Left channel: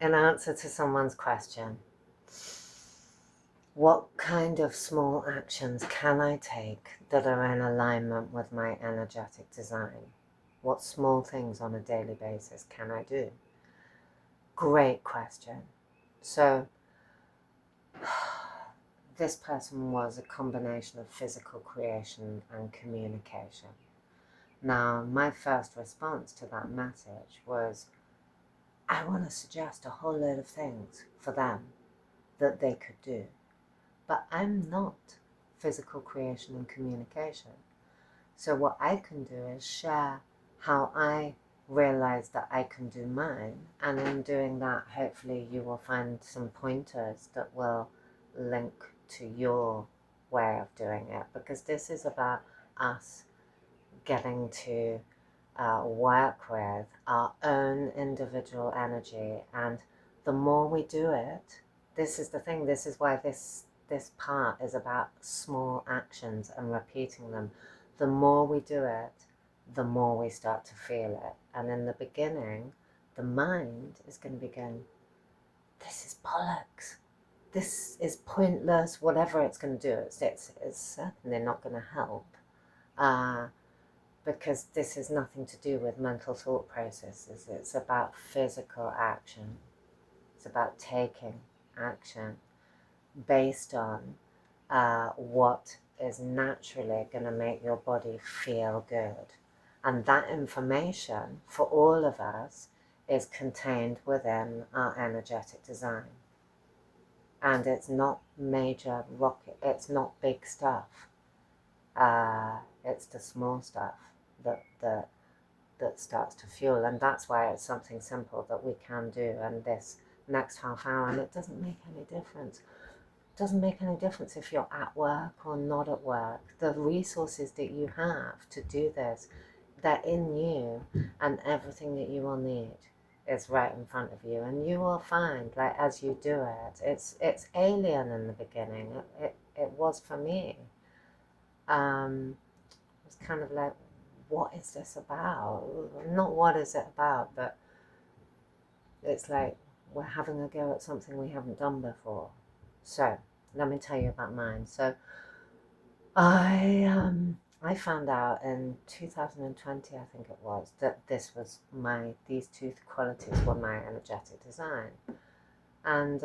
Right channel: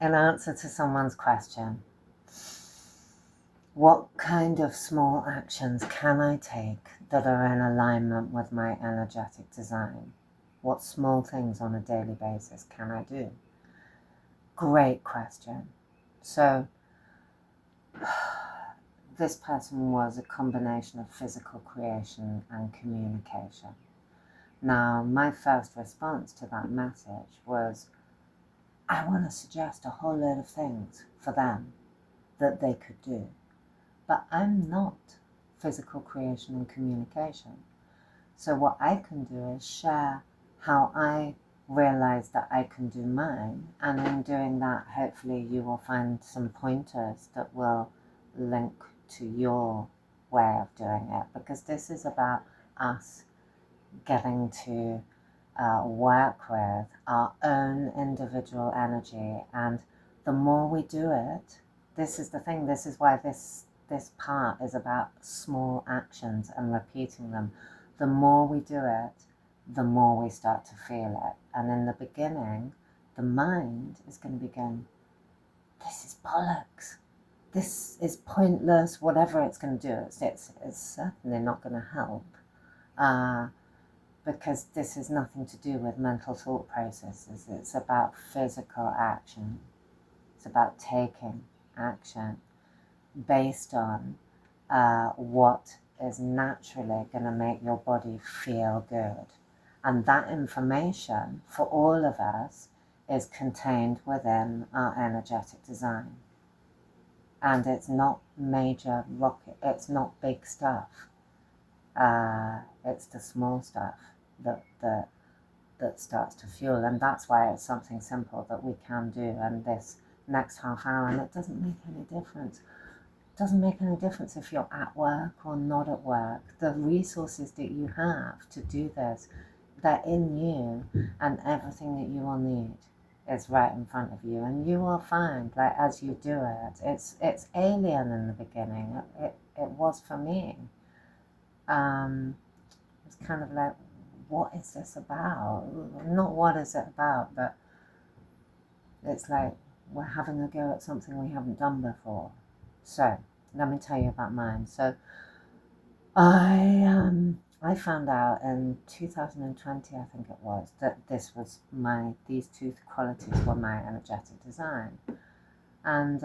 in answer to someone's question, what kind of small actions can I take that are in alignment with my energetic design? What small things on a daily basis can I do? Great question. So, this person was a combination of physical creation and communication. Now, my first response to that message was, I want to suggest a whole load of things for them that they could do. But I'm not physical creation and communication. So what I can do is share how I realize that I can do mine. And in doing that, hopefully you will find some pointers that will link to your way of doing it. Because this is about us getting to work with our own individual energy. And the more we do it, this is the thing, this is why this part is about small actions and repeating them. The more we do it, the more we start to feel it. And in the beginning, the mind is going to be going, this is bollocks. This is pointless, whatever it's going to do. It's certainly not going to help. Because this is nothing to do with mental thought processes. It's about physical action. It's about taking action based on what is naturally going to make your body feel good. And that information for all of us is contained within our energetic design. And it's not major rocket, it's not big stuff. It's the small stuff that starts to fuel, and that's why it's something simple that we can do. And this next half hour, and it doesn't make any difference. It doesn't make any difference if you're at work or not at work. The resources that you have to do this, they're in you, and everything that you will need is right in front of you. And you will find, like, as you do it, it's alien in the beginning. It was for me. It's kind of like, what is this about? Not what is it about, but it's like we're having a go at something we haven't done before. So let me tell you about mine. So I found out in 2020, I think it was, that these two qualities were my energetic design. And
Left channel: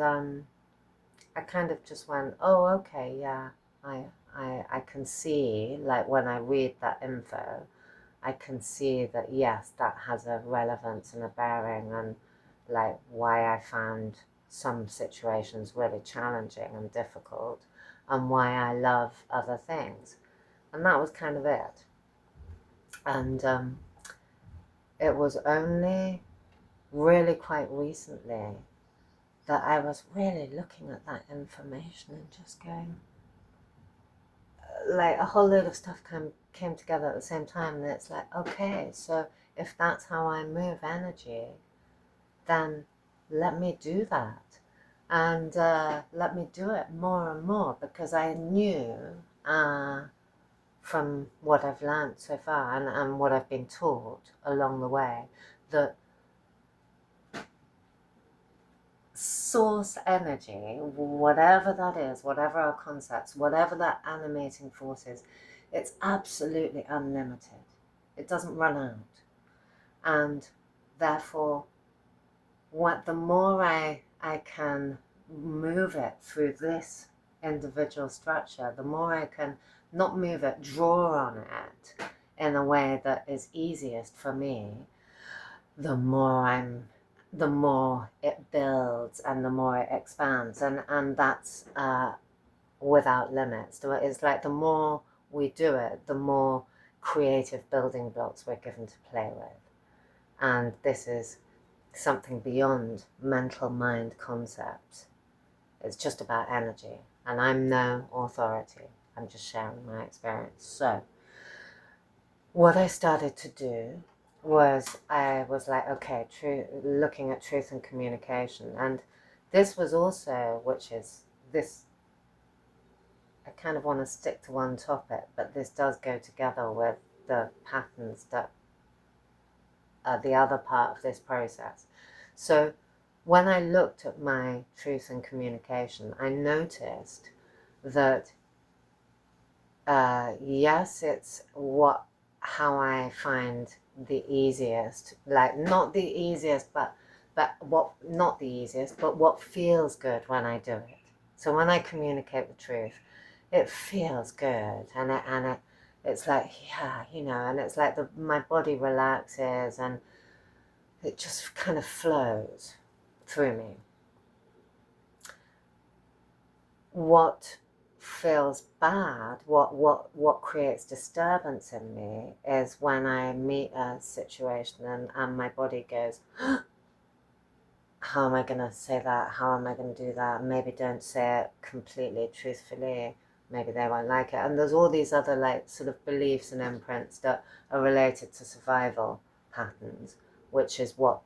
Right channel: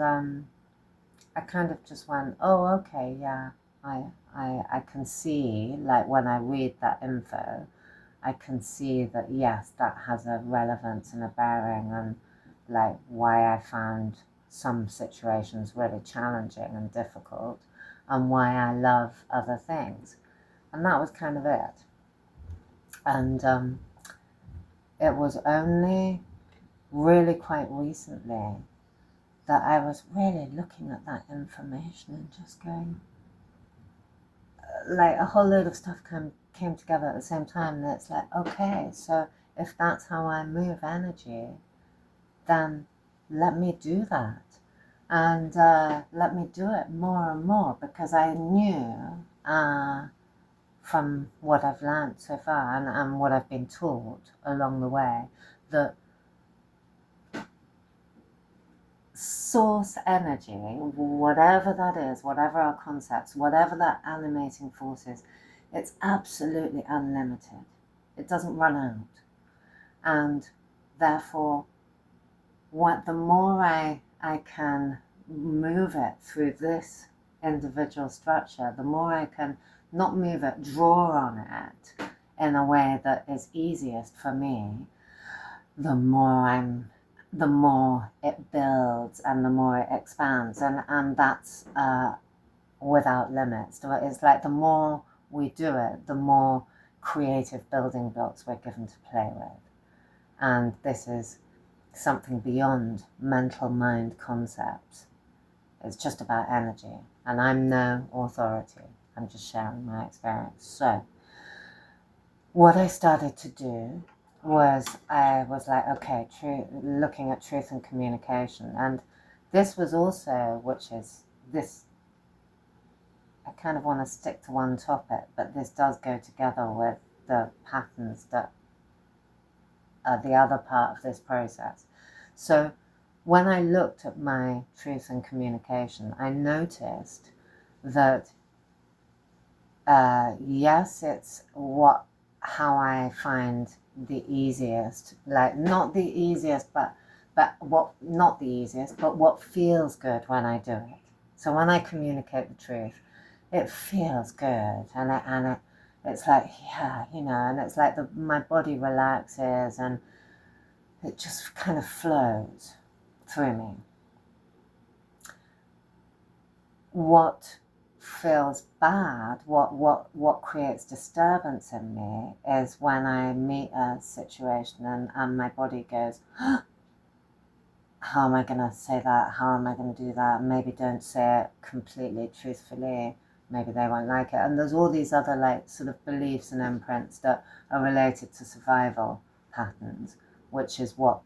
I kind of just went, oh, okay, yeah, I can see, like when I read that info, I can see that, yes, that has a relevance and a bearing on like why I found some situations really challenging and difficult, and why I love other things. And that was kind of it. And it was only really quite recently that I was really looking at that information and just going, like a whole load of stuff came together at the same time. And it's like, okay, so if that's how I move energy, then let me do that. And let me do it more and more, because I knew from what I've learned so far, and what I've been taught along the way, that source energy, whatever that is, whatever our concepts, whatever that animating force is, it's absolutely unlimited. It doesn't run out. And therefore, the more I can move it through this individual structure, the more I can not move it, draw on it in a way that is easiest for me, the more it builds and the more it expands, and that's without limits. So it's like the more we do it, the more creative building blocks we're given to play with. And this is something beyond mental mind concepts. It's just about energy, and I'm no authority. I'm just sharing my experience. So what I started to do was, I was like, okay, looking at truth and communication. And this was also, which is this, I kind of want to stick to one topic, but this does go together with the patterns that are the other part of this process. So when I looked at my truth and communication, I noticed that yes, it's how I find the easiest, like not the easiest, but not the easiest, but what feels good when I do it. So when I communicate the truth, it feels good, and it's like, yeah, and it's like my body relaxes and it just kind of flows through me. What feels bad, what creates disturbance in me is when I meet a situation and my body goes, how am I going to say that? How am I going to do that? Maybe don't say it completely truthfully. Maybe they won't like it. And there's all these other like sort of beliefs and imprints that are related to survival patterns, which is what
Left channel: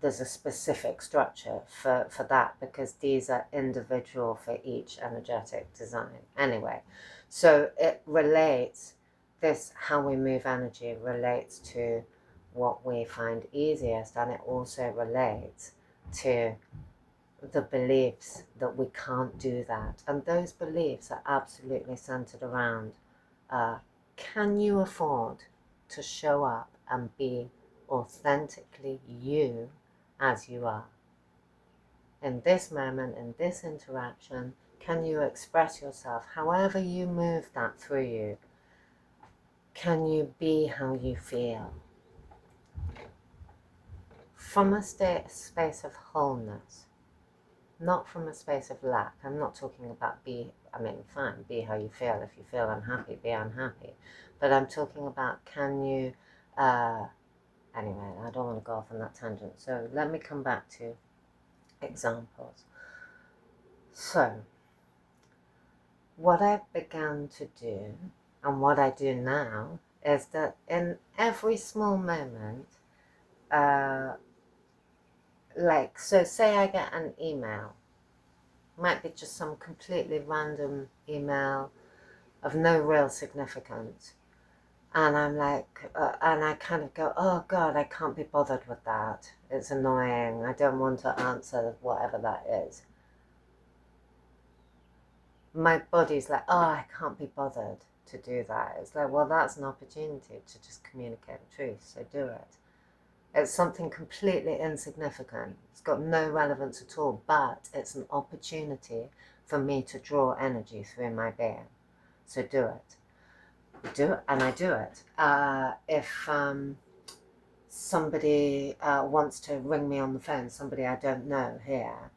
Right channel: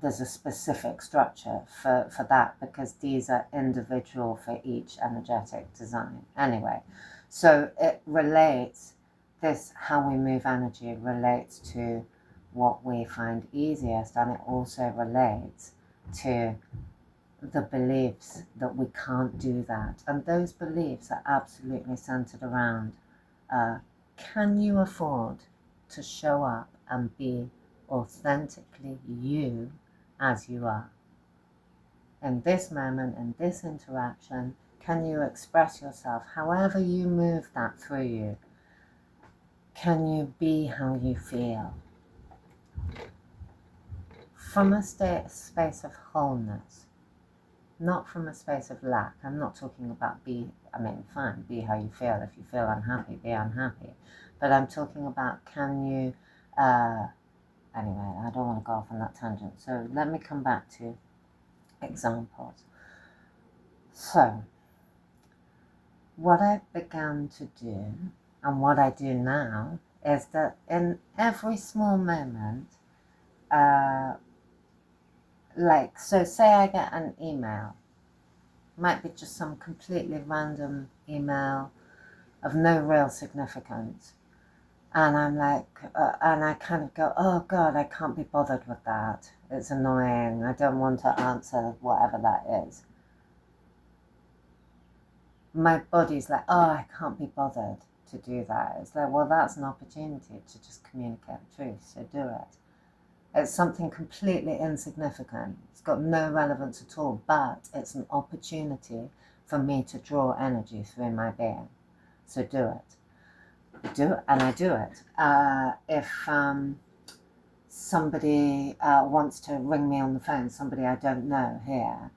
there's a specific structure for that, because these are individual for each energetic design. Anyway, so it relates, this how we move energy relates to what we find easiest, and it also relates to the beliefs that we can't do that. And those beliefs are absolutely centered around, can you afford to show up and be authentically you as you are? In this moment, in this interaction, can you express yourself however you move that through you? Can you be how you feel? From a space of wholeness, not from a space of lack. I'm not talking about fine, be how you feel. If you feel unhappy, be unhappy. But I'm talking about, can you, anyway, I don't want to go off on that tangent. So let me come back to examples. So, what I began to do, and what I do now, is that in every small moment, so say I get an email, might be just some completely random email of no real significance, and I'm like, and I kind of go, oh God, I can't be bothered with that. It's annoying. I don't want to answer whatever that is. My body's like, oh, I can't be bothered to do that. It's like, well, that's an opportunity to just communicate the truth, so do it. It's something completely insignificant. It's got no relevance at all, but it's an opportunity for me to draw energy through my being. So do it. And I do it. If somebody wants to ring me on the phone, somebody I don't know here,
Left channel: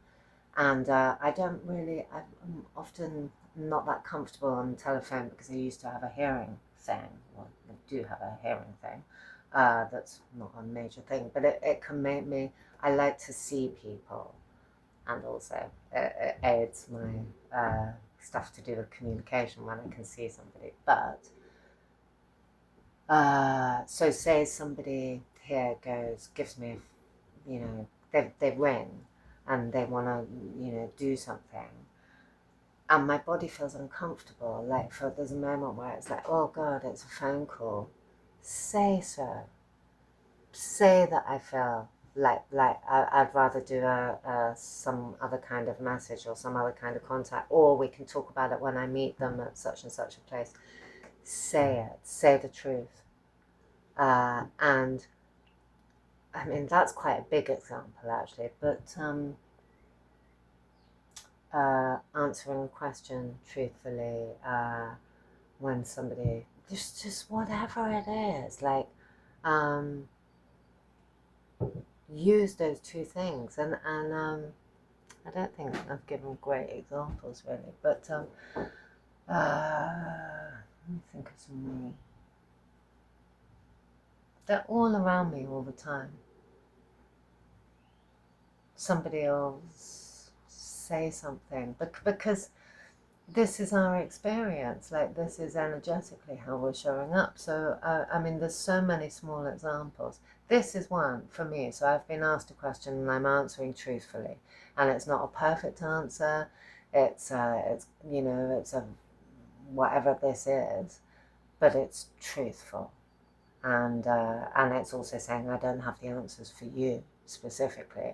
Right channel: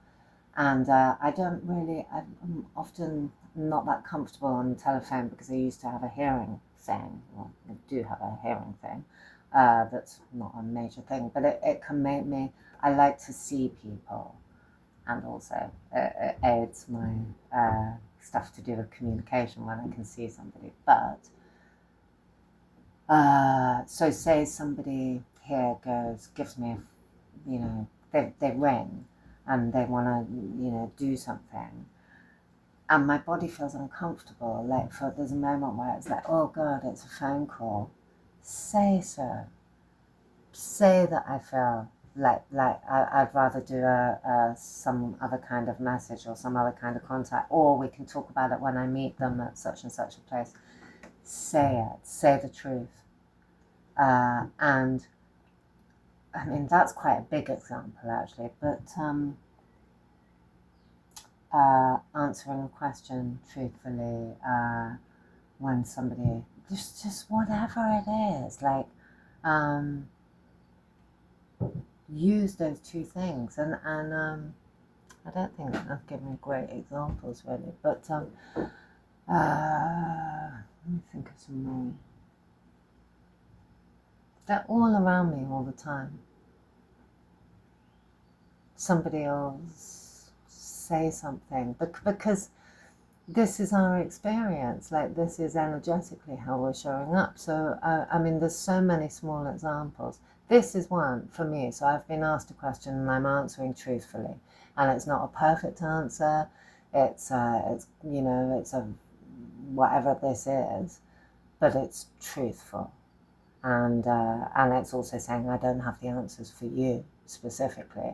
and I'm often not that comfortable on the telephone because I used to have a hearing thing. Well, I do have a hearing thing. That's not a major thing, but it can make me, I like to see people, and also it aids my stuff to do with communication when I can see somebody. But so say somebody here gives me, they ring and they want to, do something, and my body feels uncomfortable. There's a moment where it's like, oh God, it's a phone call. Say so. Say that I feel I'd rather do some other kind of message or some other kind of contact, or we can talk about it when I meet them at such and such a place. Say it. Say the truth. And I mean, that's quite a big example actually, but answering a question truthfully, when somebody, just whatever it is, use those two things. And I don't think I've given great examples really, but let me think of some more. They're all around me all the time. Somebody will say something, because this is our experience, this is energetically how we're showing up. So there's so many small examples. This is one for me. So I've been asked a question and I'm answering truthfully, and it's not a perfect answer. It's a whatever this is, but it's truthful, and it's also saying I don't have the answers for you specifically,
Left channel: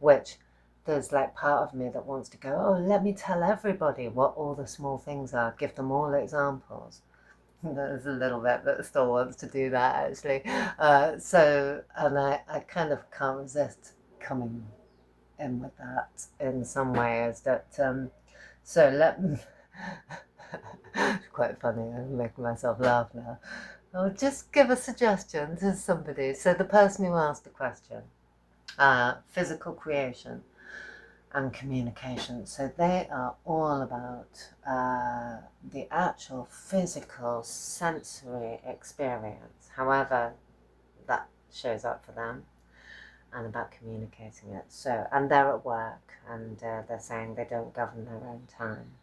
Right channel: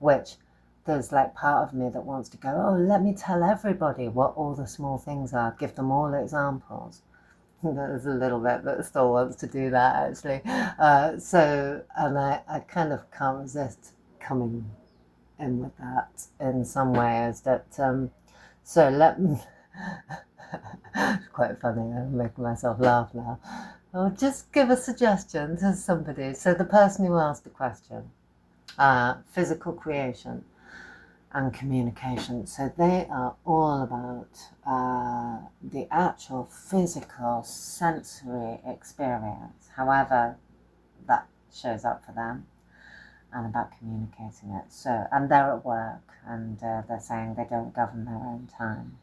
which there's like part of me that wants to go, oh, let me tell everybody what all the small things are, give them all examples. There's a little bit that still wants to do that, actually. And I kind of can't resist coming in with that in some ways. So let me. It's quite funny. I'm making myself laugh now. I'll just give a suggestion to somebody. So the person who asked the question, physical creation and communication. So they are all about the actual physical sensory experience, however that shows up for them, and about communicating it. So, and they're at work, and they're saying they don't govern their own time.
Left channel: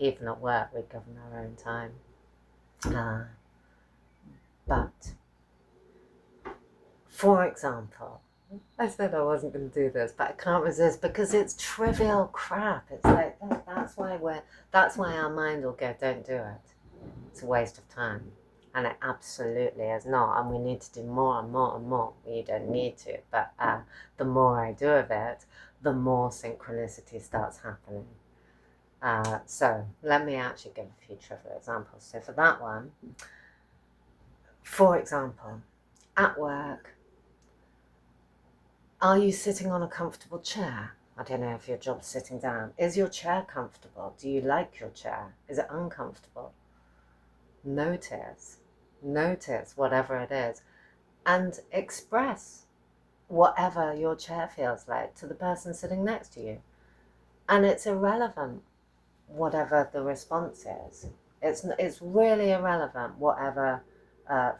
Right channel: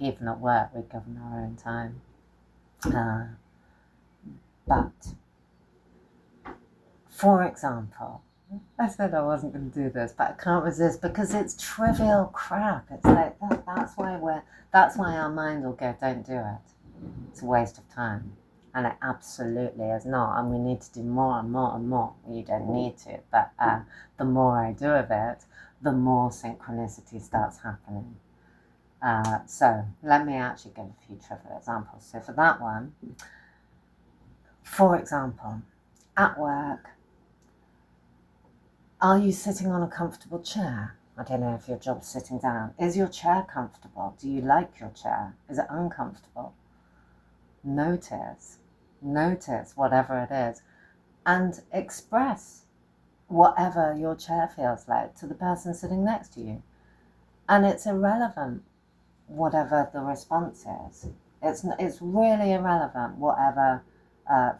Even at work, we govern our own time. But, for example, I said I wasn't going to do this, but I can't resist because it's trivial crap. It's like that's why our mind will go, don't do it. It's a waste of time. And it absolutely is not. And we need to do more and more and more. You don't need to, but the more I do of it, the more synchronicity starts happening. So let me actually give a few trivial examples. So for that one, for example, at work, are you sitting on a comfortable chair? I don't know if your job's sitting down. Is your chair comfortable? Do you like your chair? Is it uncomfortable? Notice whatever it is, and express whatever your chair feels like to the person sitting next to you. And it's irrelevant whatever the response is. It's really irrelevant whatever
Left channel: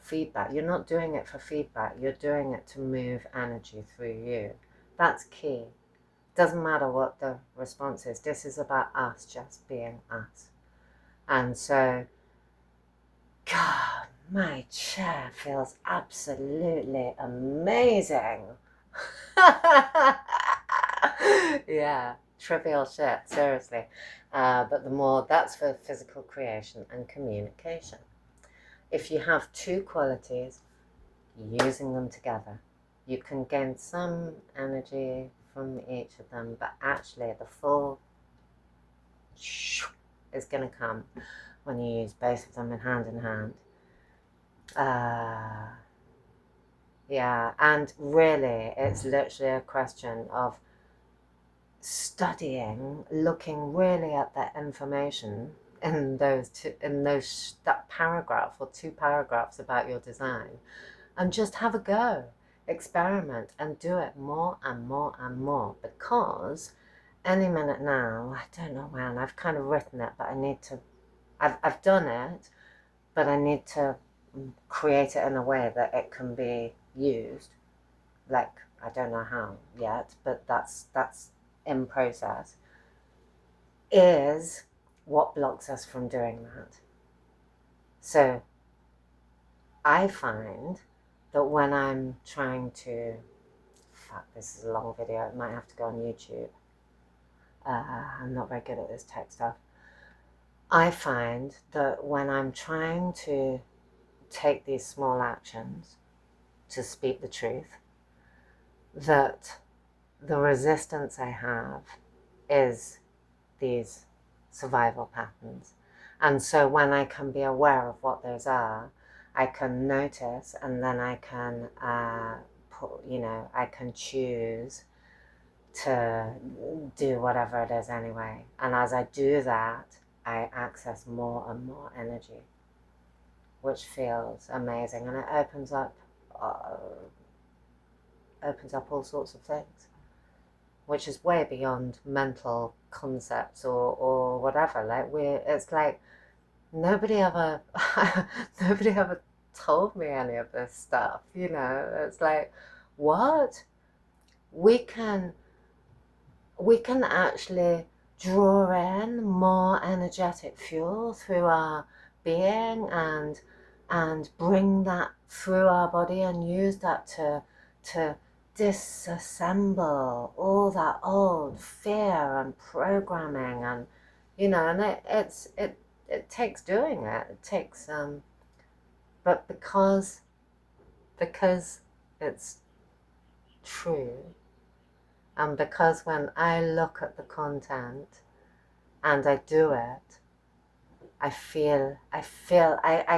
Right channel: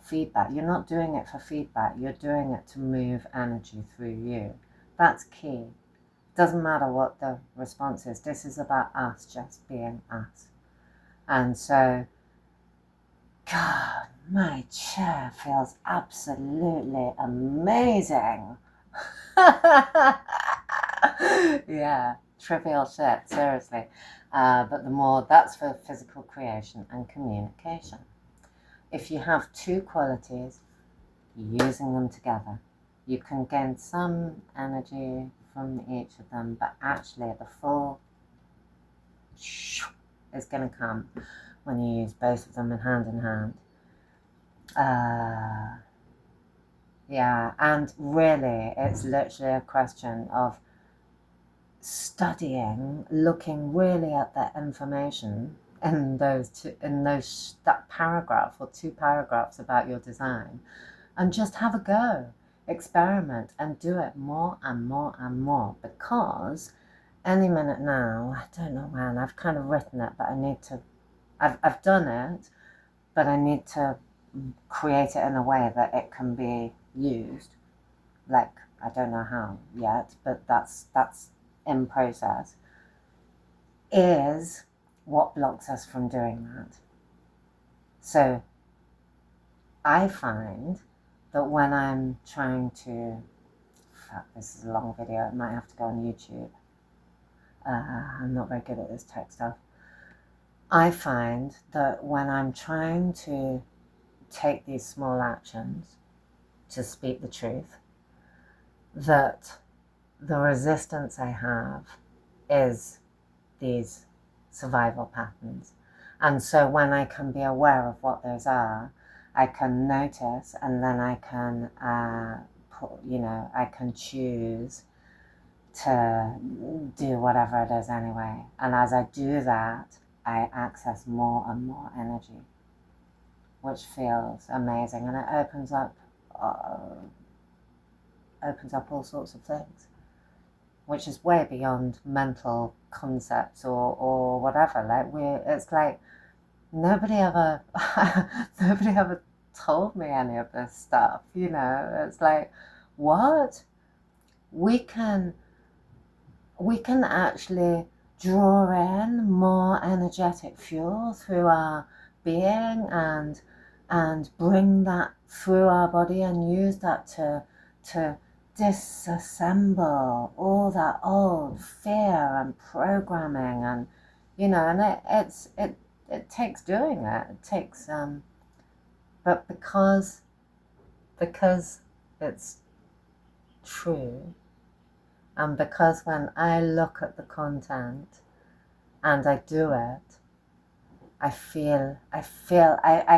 feedback. You're not doing it for feedback. You're doing it to move energy through you. That's key. Doesn't matter what the response is. This is about us just being us. And so, God, my chair feels absolutely amazing. Yeah, trivial shit, seriously. But the more, that's for physical creation and communication. If you have two qualities, using them together, you can gain some energy from each of them, but actually the full is going to come when you use both of them in hand. Yeah, and really it's literally a question of studying, looking really at that information in that paragraph or two paragraphs about your design, and just have a go, experiment, and do it more and more and more, because any minute now, I don't know when, I've kind of written it, but I've done it, but I need to create it in a way that it can be used. Like, I don't know how yet, but that's in process. Is what blocks us from doing that. So I find that when I'm trying to, this is a long video, it might have to go on YouTube. I'm not very good at this tech stuff. I find that when I'm trying to take these small actions to speak the truth, that the resistance I have is these survival patterns. And so when I can be aware of what those are, I can notice, and then I can I can choose to do whatever it is anyway. And as I do that, I access more and more energy, which feels amazing, and it opens up all sorts of things, which is way beyond mental concepts or whatever. Like it's like nobody ever told me any of this stuff, you know. It's like, what? We can actually draw in more energetic fuel through our being and bring that through our body and use that to disassemble all that old fear and programming, and and it takes doing it. It takes but because it's true, And because when I look at the content and I do it, I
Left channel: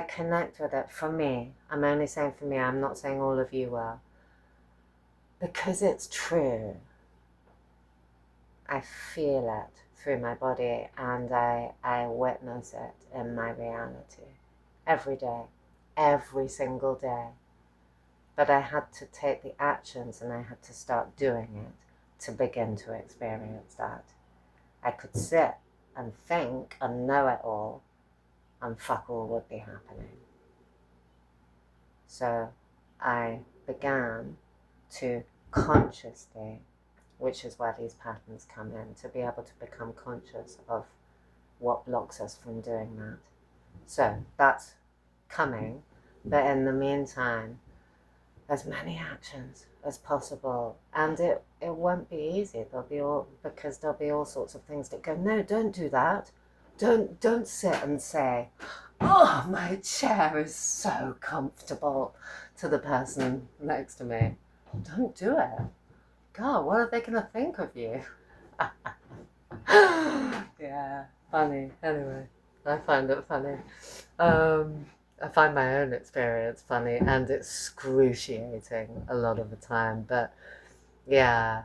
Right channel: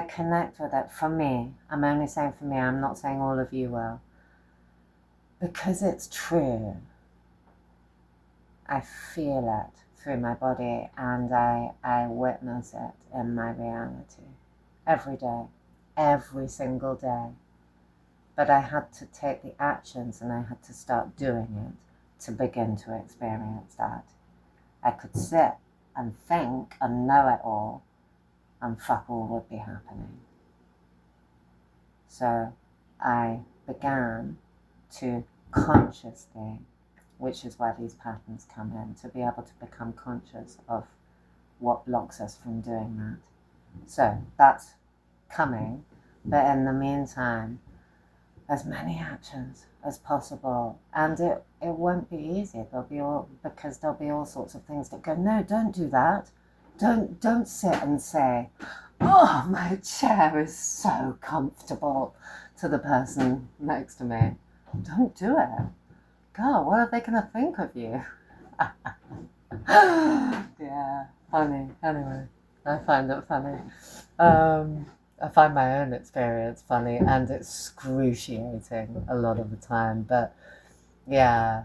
connect with it. For me, I'm only saying for me, I'm not saying all of you will. Because it's true, I feel it through my body and I witness it in my reality every day, every single day. But I had to take the actions and I had to start doing it to begin to experience that. I could sit and think and know it all, and fuck all would be happening. So I began to consciously, which is where these patterns come in, to be able to become conscious of what blocks us from doing that. So that's coming, but in the meantime, as many actions as possible, and it won't be easy. Because there'll be all sorts of things that go, no, don't do that. Don't sit and say, oh, my chair is so comfortable, to the person next to me. Don't do it. God, what are they going to think of you? Yeah, funny. Anyway, I find it funny. I find my own experience funny and excruciating a lot of the time. But yeah,